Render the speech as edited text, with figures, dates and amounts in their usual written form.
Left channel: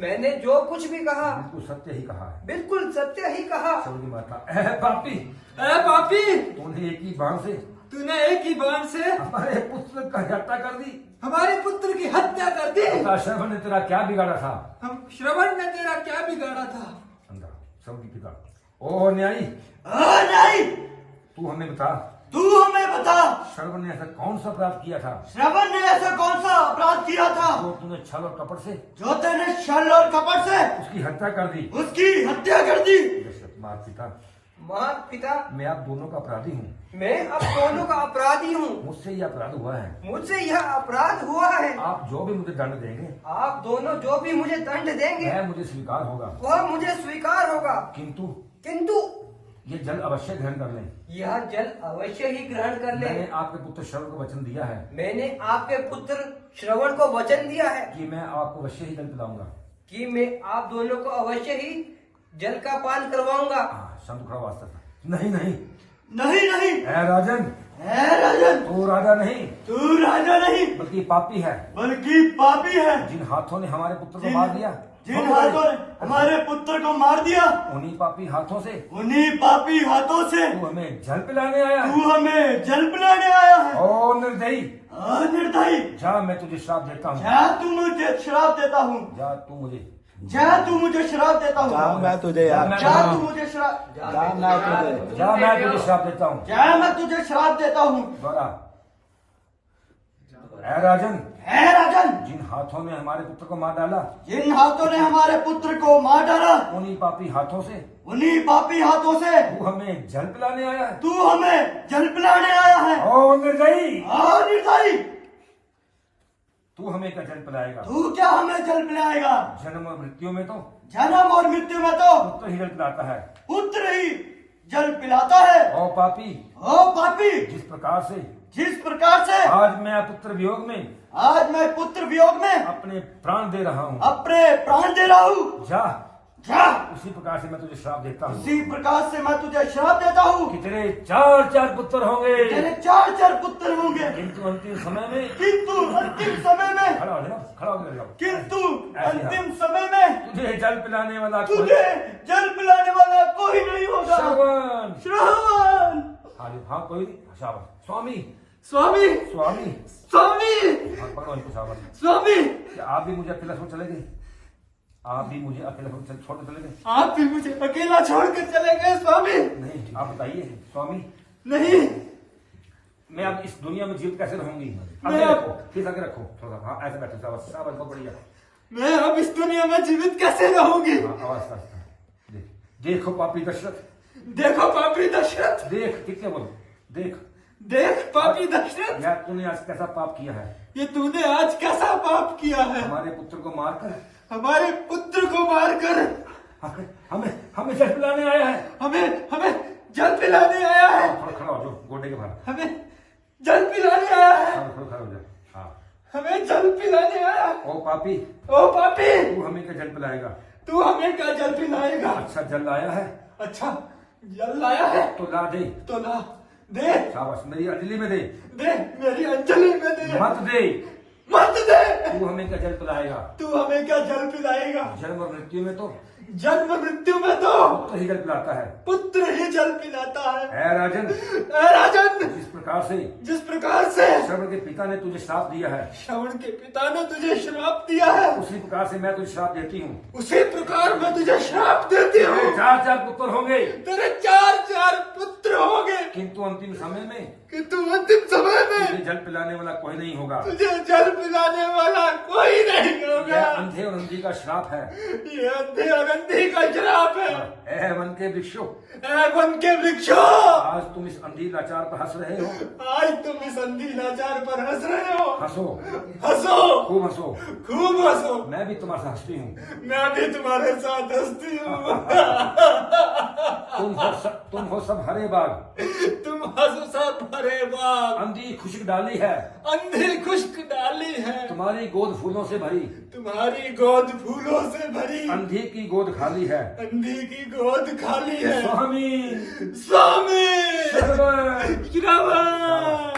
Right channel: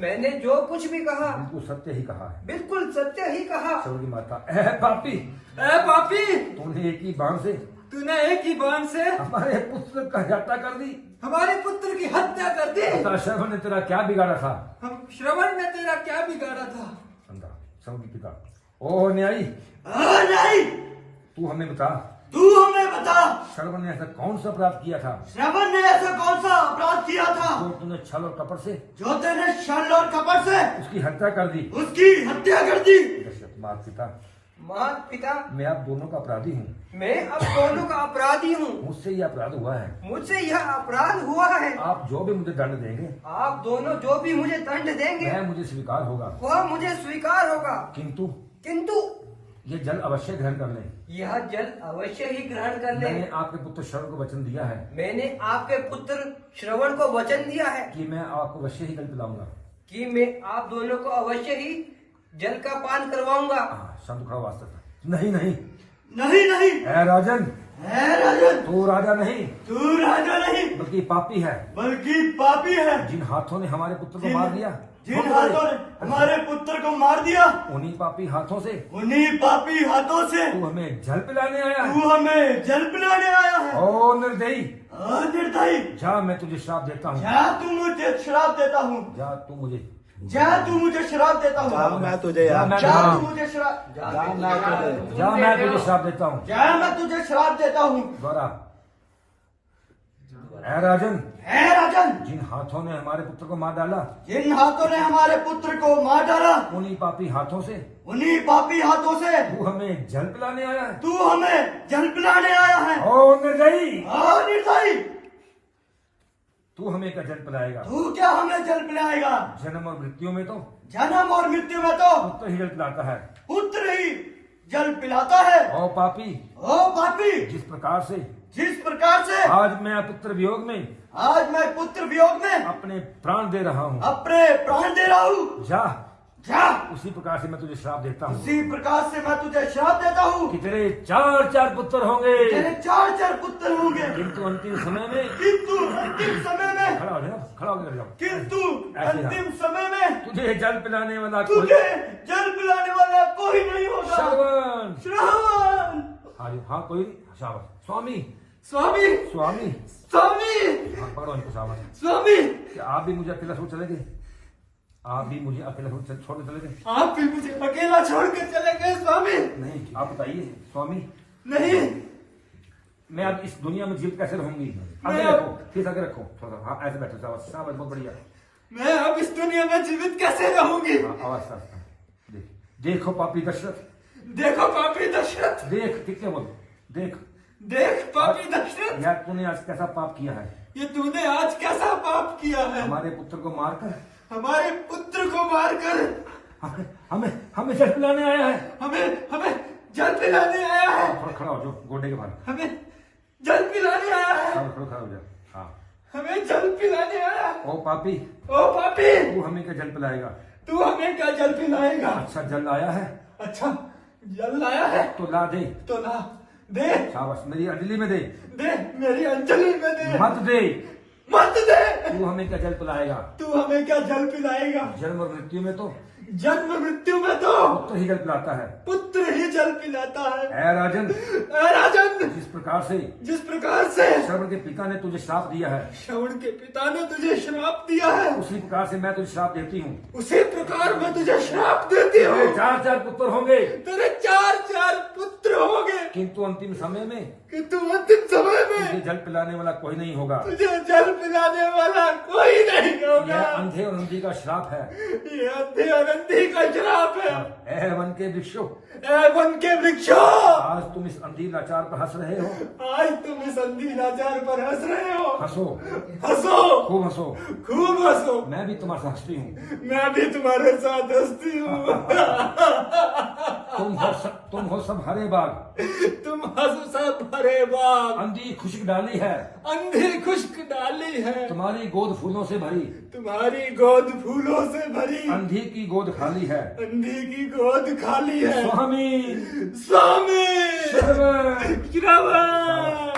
मैंने जो कुछ भी कहा बिल्कुल सत्य ही कहा है। बिल्कुल सत्य ही कहा। स्वर्ग की माता, पापी, पापी, तूने एक ही बाण से तूने एक ही बाण से हमारे पुत्र का हत्या कर दी। हमारे पुत्र की हत्या कर दी। पिता श्रवण ने तेरा क्या बिगाड़ा था? हम श्रवण ने तेरा क्या बिगाड़ा था? अंदर श्रवण की पिता, ओ न्यायी, न्यायी, तू हमें बता, तू हमें बता, श्रवण ने ऐसा कौन सा अपराध किया था? श्रवण ने ऐसा कौन सा अपराध किया था जो तूने छल और कपट से, जो तेने छल और कपट से उसकी हत्या कर दी? उसकी हत्या कर दी। माता पिता, माँ पिता, मैं आप दोनों का अपराधी हूँ। मैं अब दोनों का अपराधी हूँ। मुझसे यह अपराध हुआ है। मुझसे यह अपराध हुआ है। आप जो भी मुझे दंड देंगे, आप दोनों जो भी मुझे दंड देंगे वह मुझे स्वीकार होगा। वह मुझे स्वीकार होगा। किंतु ये जल अवश्य ग्रहण कर लें। यह जल अवश्य ही ग्रहण कर ले। मैंने आपके पुत्र श्रवण को वचन दिया है। मैंने आपके पुत्र श्रवण को वचन दिया है कि मैं आपको अवश्य ही जल पिलाऊंगा। कि मैं आप दोनों को अवश्य ही जल का पान करवाऊंगा। संत खड़ा वास्तव, नहीं नहीं नहीं नहीं, है राजन, है राजन, तू राजा नहीं, तू राजा नहीं, बल्कि पापी है। बल्कि पापी है। जिन हाथों ने हमारे पुत्र को मार दिया, जिन हाथों ने हमारे पुत्र को मार दिया, उन्हीं पापी हाथों से, उन्हीं पापी हाथों से तू हमें जल पिलाने आया है। तू हमें जल पिलाने आया है। ओ निर्दयी, निर्दयी, जा मैं तुझे श्राप देता हूँ। जा तू मुझे श्राप देता हूँ। जा तू मुझे, जा तू मुझे श्राप देता हूँ। जा तुझे, जा तू मुझे श्राप, जा मैं तुझे श्राप देता हूँ। जा मैं तुझे श्राप देता हूँ। दोहरा, है राजन, है राजन, जिन हाथों ने हमारे पुत्र को मार डाला, जिन हाथों ने हमारे पुत्र को मार डाला, उन्हीं पापी हाथों से, उन्हीं पापी हाथों से तू हमें जल पिलाने आया है। तू हमें जल पिलाने आया है। ओ निर्दयी, निर्दयी, तू हमें क्या जल पिलाएगा? तू क्या हमें जल पिलाएगा? जन्म और मृत्यु में तो जन्म और मृत्यु में तो पुत्र ही जल पिलाता है। पुत्र ही जल पिलाता है। ओ पापी, ओ पापी, जिस प्रकार से आज मैं पुत्र वियोग में, आज मैं पुत्र वियोग में अपने प्राण दे रहा हूँ, अपने प्राण दे रहा हूँ, जा जा उसी प्रकार से मैं तुझे श्राप देता हूँ। उसी प्रकार से मैं तुझे श्राप देता हूँ कि तेरे 4 पुत्र होंगे, तेरे 4 पुत्र होंगे। किंतु अंतिम समय में, किंतु अंतिम समय में, खड़ा हो जाओ, खड़ा हो जाओ, किंतु अंतिम समय में तुझे जल पिलाने वाला तुझे जल पिलाने वाला कोई नहीं होगा। श्रवण, श्रवण, हाँ कोई नहीं, शाबाश। स्वामी, स्वामी, स्वामी, स्वामी, हाँ पकड़ो इनको, शाबाश। स्वामी, आप भी मुझे अकेला छोड़ चले गए, आप भी मुझे अकेला छोड़ चले गए। आप भी मुझे अकेला छोड़कर चले गए स्वामी। नहीं, आप बताइए स्वामी, नहीं, मैं अब इस दुनिया में जीवित कैसे रहूंगी? मैं रखो, फिर आगे रखो थोड़ा, हाँ ऐसे बैठे, शाबाश शाबाश, बहुत बढ़िया। मैं अब इस दुनिया में जीवित कैसे रहूंगी? हाँ, आवाज देखो पापी दशरथ, देखो पापी दशरथ, देख कितने बोलो, देख देख पापी दशरथ, मैं तूने आज कैसा पाप किया है। ये तूने आज कैसा पाप किया है? हमारे पुत्र को मारकर, हमारे पुत्र को मारकर हमें हमें जल पिलाने आया है। हमें जल पिलाने आया है। थोड़ा खड़ा हो जाओ, गोडे के बाहर, हमें जल पिलाने आया है। थोड़ा खड़ा हो जाओ। हाँ, हमें जल पिलाने आया है। ओ पापी, ओ पापी, तू हमें क्या जल पिलाएगा? तू हमें क्या जल पिलाएगा? अच्छा जल आया है, अच्छा जल लाया है तो ला दे, तो ला दे, शाबाश, मेरी अंजलि में दे, दे मेरी अंजलि में दे, मत दे, मत दे। तू हमें क्या जल पिलाएगा? तू हमें क्या जल पिलाएगा? जन्म और मृत्यु में तो जन्म मृत्यु में तो पुत्र ही जल पिलाता है। पुत्र ही जल पिलाता है। ऐ राजन, ऐ राजन, जिस प्रकार से श्रवण के पिता ने तुझे श्राप दिया है, श्रवण के पिता ने तुझे श्राप दिया है, उसी प्रकार से मैं तुझे श्राप देती हूँ। उसी प्रकार मैं तुझे श्राप देती हूँ। 4 पुत्र होंगे, तेरे 4 पुत्र होंगे, किंतु अंतिम समय में किंतु अंतिम समय में तुझे जल पिलाने वाला कोई नहीं होगा। तुझे जल पिलाने वाला कोई नहीं होगा। यह अंधे और अंधी का श्राप है। ये अंधे और अंधी का श्राप है। ऐ वन के वृक्षों, ऐ वन के वृक्षों, आज तुम इस अंधी लाचार पर हंस रहे हो। आज तुम इस अंधी लाचार पर हंस रहे हो। हंसो, हंसो, खूब हंसो, खूब हंसो। मैं भी तुम्हारे साथ हंसती हूँ। मैं भी तुम्हारे साथ हंसती हूँ। तुम हो सब हरे बाग, तुम हंसो सब हरे बाग, अंधी खुशक डाली है, अंधी खुश्क डाली है, तुम्हारी गोद फूलों से भरी, तुम्हारी गोद फूलों से भरी, अंधी की गोद खाली है, अंधी की गोद खाली है। स्वामी, स्वामी, श्रवण। श्रवण।